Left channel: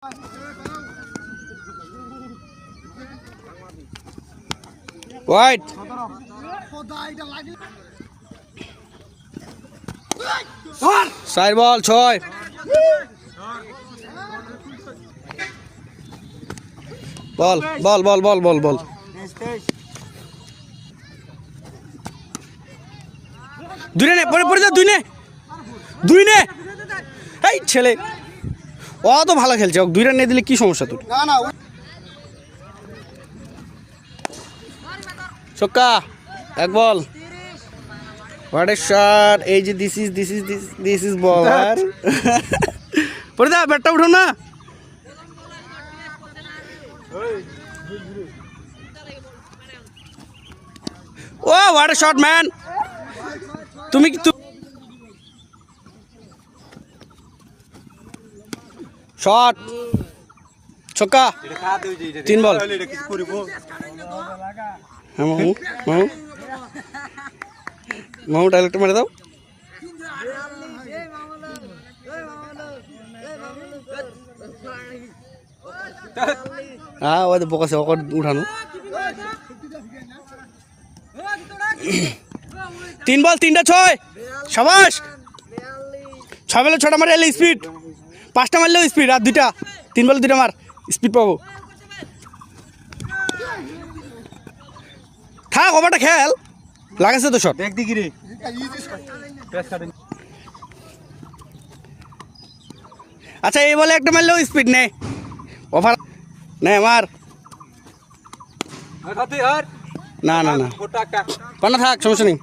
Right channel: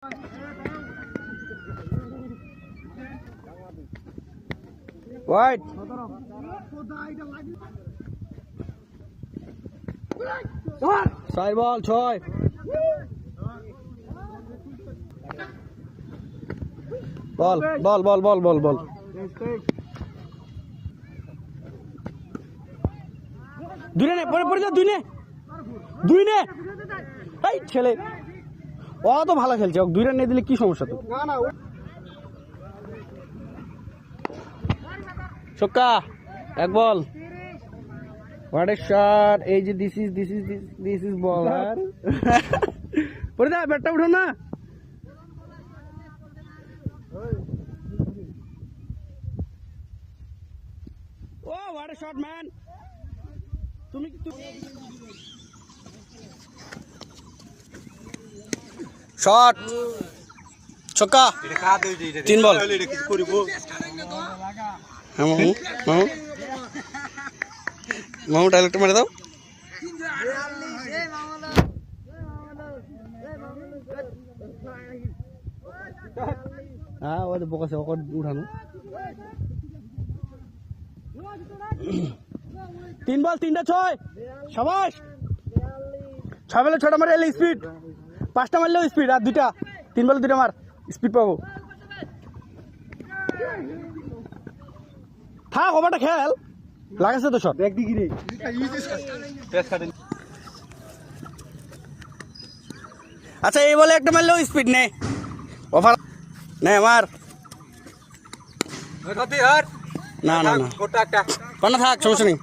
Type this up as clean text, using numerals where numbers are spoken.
Wide. Side ball, Choi. Ball. দুই নে এই ছেলে ও তো ভালো খেলছে, ও 2 রান নিয়ে দিলে কি সমস্যা তোর? না ছক্কা, এক বল। What a shot! এই যে দিস ইজ বলার। পড়ে দা, ব্যাটটা উঠো না। ও হোয়াট এ শট ম্যান! তুমি কি শট, ছক্কা, 3 বল। মামু ডাইরেক্ট মেরে দাও। হ্যাঁ, ওই তো বকাছে, ওকে উঠানো। 3 বল 3টা 6। সাবাস! 6 বলে 6টা মারে স্পিড, 5টা মারলেও স্পিড, আর 2টা 3 বলে 2টা মার, স্পিড পাবো। থাক, ওভারটা খেল, লাগাছে তো শট। দেখ দিকি রে, আচ্ছা এই বলে একটা মারলেও স্পিড নে, ওভার নে মার। না পান্না থাক, সমস্যা নেই।